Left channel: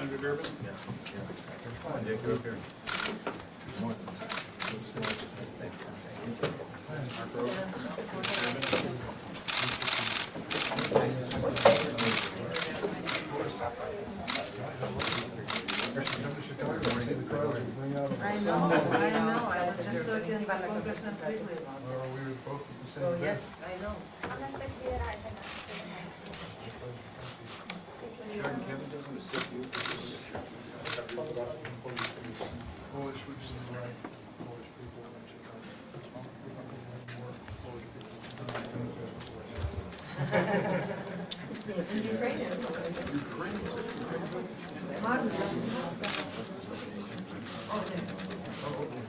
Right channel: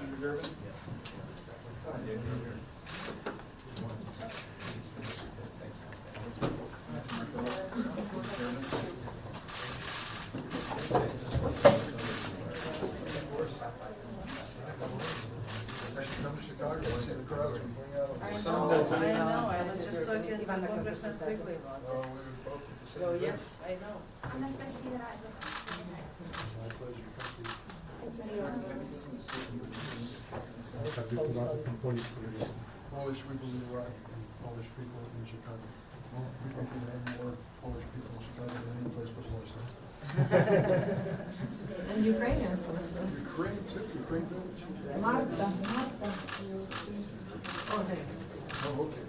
Under Durbin? I know. I just looked in the Congress and quickly about We this. were both at the same So, time. yes, I know. Polish people in the right, Polish people in Chicago. I don't think there are more Polish people in Chicago than any place. And Ukrainians. Ukraine? Oh, okay.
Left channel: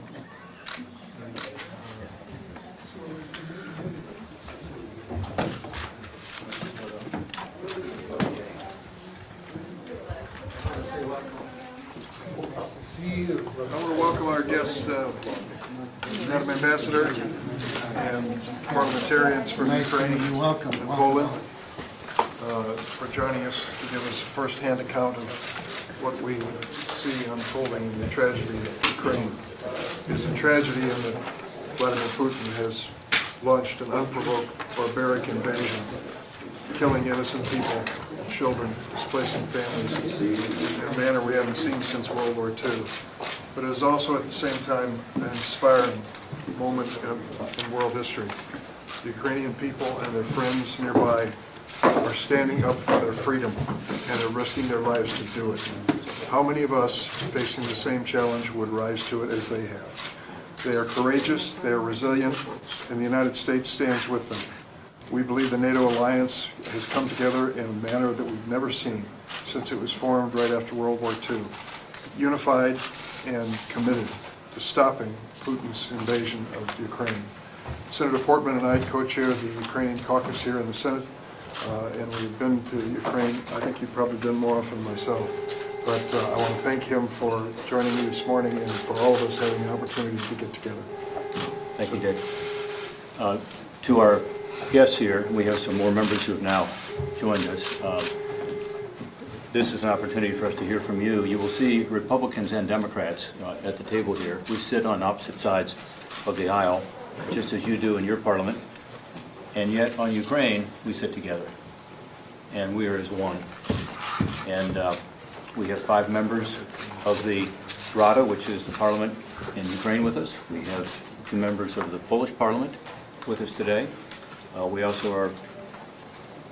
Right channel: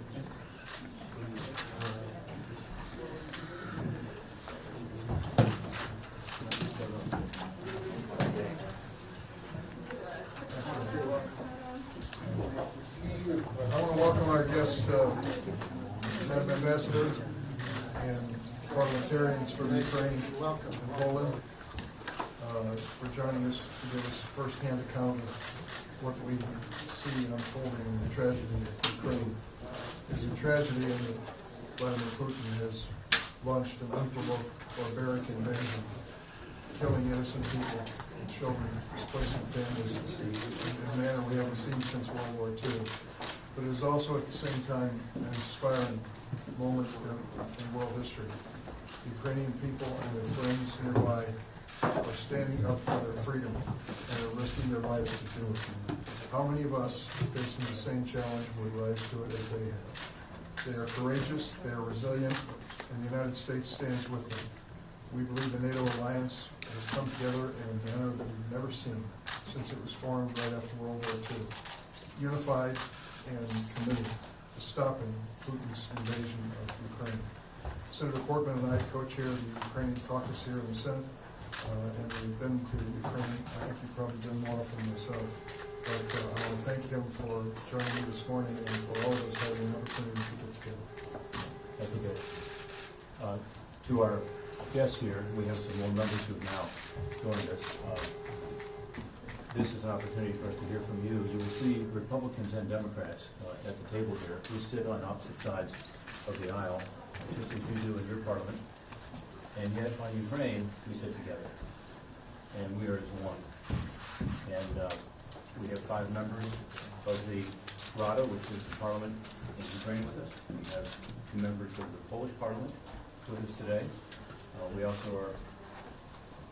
I want to welcome our guests, Madam Ambassador and parliamentarians from Ukraine and Poland, for joining us to give us a first-hand account of what we see unfolding in the tragedy of Ukraine. It's a tragedy in that Vladimir Putin has launched an unprovoked barbaric invasion, killing innocent people, children, displacing families in a manner we haven't seen since World War II. But it is also at the same time an inspiring moment in world history. The Ukrainian people and their friends nearby are standing up for their freedom and are risking their lives to do it. How many of us facing the same challenge would rise to it as they have? They are courageous, they are resilient, and the United States stands with them. We believe the NATO alliance has come together in a manner that we've never seen since it was formed right after World War II, unified and committed to stopping Putin's invasion of Ukraine. Senator Portman and I co-chair the Ukrainian Caucus here in the Senate, and we've been to Ukraine. I think you've probably been more often than myself, but I want to thank him for joining me this morning and for all of us having the opportunity to get together. Thank you, Dick. To our guests here, we have some more members who have now joined us. This is an opportunity for us to hear from you. You will see Republicans and Democrats at the table here. We sit on opposite sides of the aisle, just as you do in your parliament. And yet on Ukraine, we sit together. And we are as one. And we have 5 members of the Rada, which is the parliament in Ukraine, with us. We have 2 members of the Polish parliament with us today. We also are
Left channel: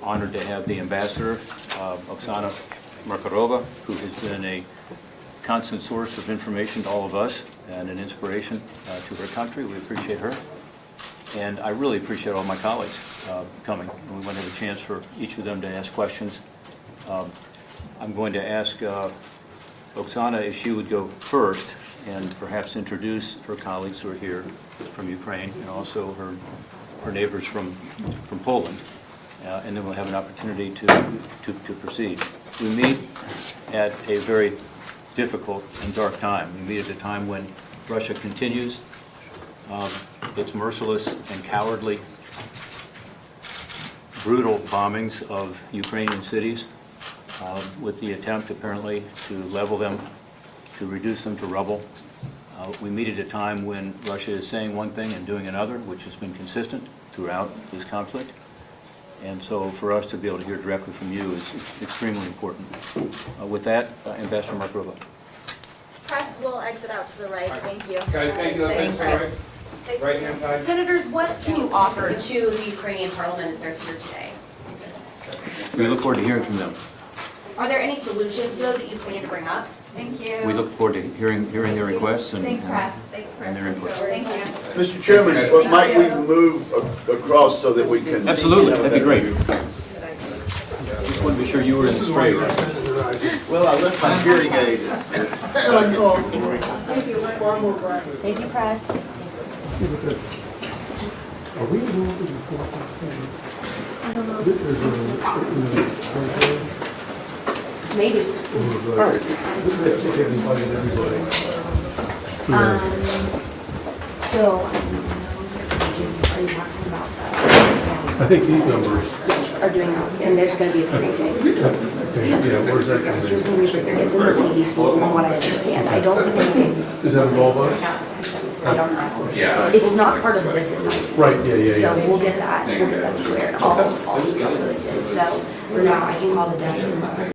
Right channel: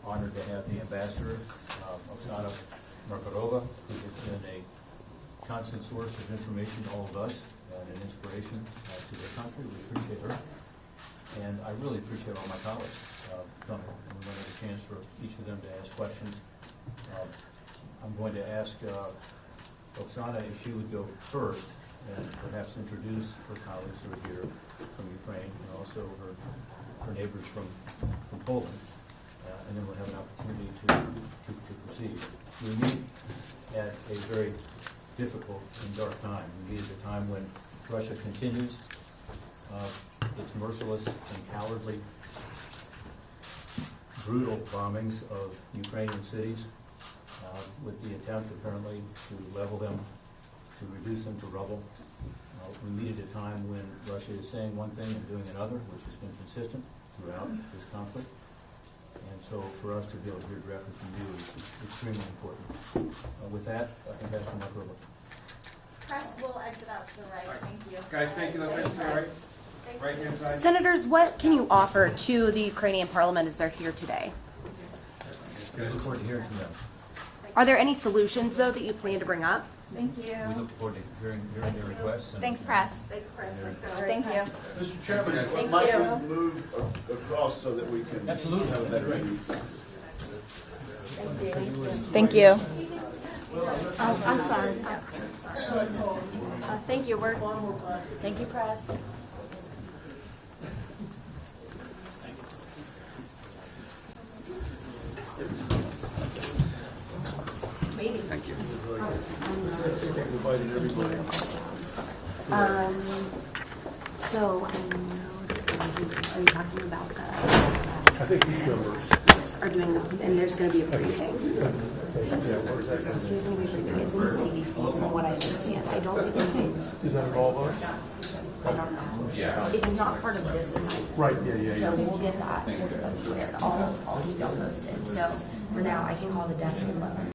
honored to have the ambassador, Oksana Markarova, who has been a constant source of information to all of us and an inspiration to her country. We appreciate her. And I really appreciate all my colleagues coming. And we want to have a chance for each of them to ask questions. I'm going to ask Oksana if she would go first and perhaps introduce her colleagues who are here from Ukraine and also her neighbors from Poland. And then we'll have an opportunity to proceed. We meet at a very difficult and dark time. We meet at a time when Russia continues its merciless and cowardly, brutal bombings of Ukrainian cities with the attempt apparently to level them, to reduce them to rubble. We meet at a time when Russia is saying one thing and doing another, which has been consistent throughout this conflict. And so for us to be able to hear directly from you is extremely important. With that, Ambassador Markarova. Press will exit out to the right. Thank you. Guys, thank you. Thanks, right hand side. Senators, what can you offer to the Ukrainian Parliament as they're here today? We look forward to hearing from them. Are there any solutions, though, that you plan to bring up? Thank you. We look forward to hearing their requests and Thanks, Press. Thanks, Press. and their input. Thank you. Mr. Chairman, but might we move across so that we can... Absolutely, that'd be great. Just want to be sure you were in the Thank you. Well, I left my hearing aid. Thank you. Thank you, Press. Maybe. So, are you talking about I think these numbers are doing, and there's going to be a briefing. where's that It's coming in? in the CDC from what I understand. I don't think anything's. Does that involve us? I don't know. It's not part of this assignment. Right, yeah. So we'll get that squared. I'll keep you posted. So for now, I can call the desk and